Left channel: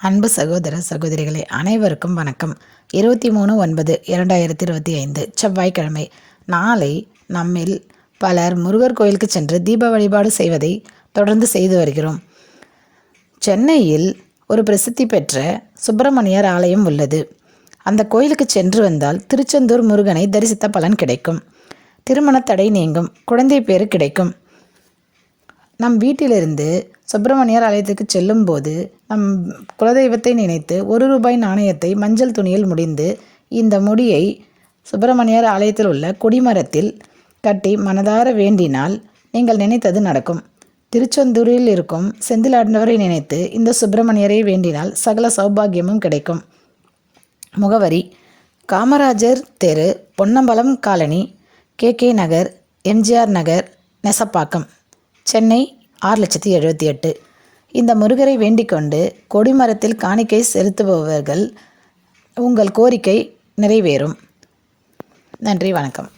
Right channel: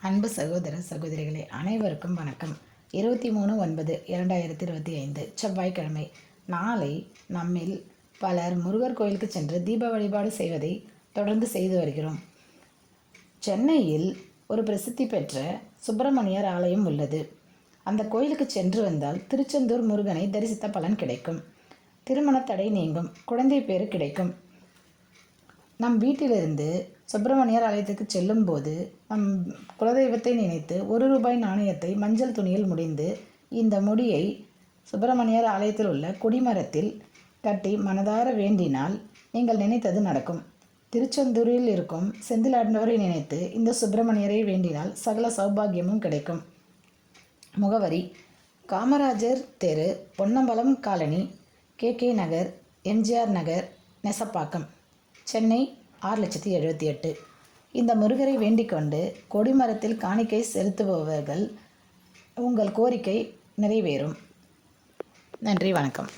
அன்பு சகோதர சகோதரிகளே அனைவருக்கும் வணக்கம். 23/9/2025 செவ்வாய்க்கிழமை. நாளை நம்மில் பலர் முருகர் கோயிலுக்கு சென்று தீப வழிபாடு செய்வதை தொடர்ந்து செய்து வருகிறோம். சென்னையில் ஒரு பிரசித்தி பெற்ற சுப்பிரமணியர் ஆலயம் உள்ளது. அந்த கோயிலுக்கு சென்று வந்தால் திருச்செந்தூர் முருகனை தரிசித்த பலன் கிடைக்கும். திருமண தடை நீங்கும். குழந்தை பேறு கிடைக்கும். நம் வீட்டிலிருந்து சுப்பிரமணியர் ஆலயத்துக்கு செல்லும்போது நம் குலதெய்வத்தை நினைத்து ₹1 நாணயத்தை மஞ்சள் துணியில் முடிந்து இந்த முடியை சுப்பிரமணியர் ஆலயத்தில் உள்ள கொடிமரத்தில் கட்டி மனதார வேண்டினால் நீங்கள் நினைத்தது நடக்கும். திருச்செந்தூரில் இருக்கும் செந்திலாண்டவரை நினைத்து இந்த சுப்பிரமணியரை வேண்டினால் சகல சௌபாகியமும் கிடைக்கும். முகவரி: காமராஜர் தெரு, பொன்னம்பலம் காலனி, KK நகர், MGR நகர், நெசப்பாக்கம், சென்னை 6,78,000. இந்த முருகரை வேண்டிக்கொண்டு கொடிமரத்தில் காணிக்கை செலுத்துபவர்கள் உங்கள் கோரிக்கை நிறைவேறும். நன்றி, வணக்கம்.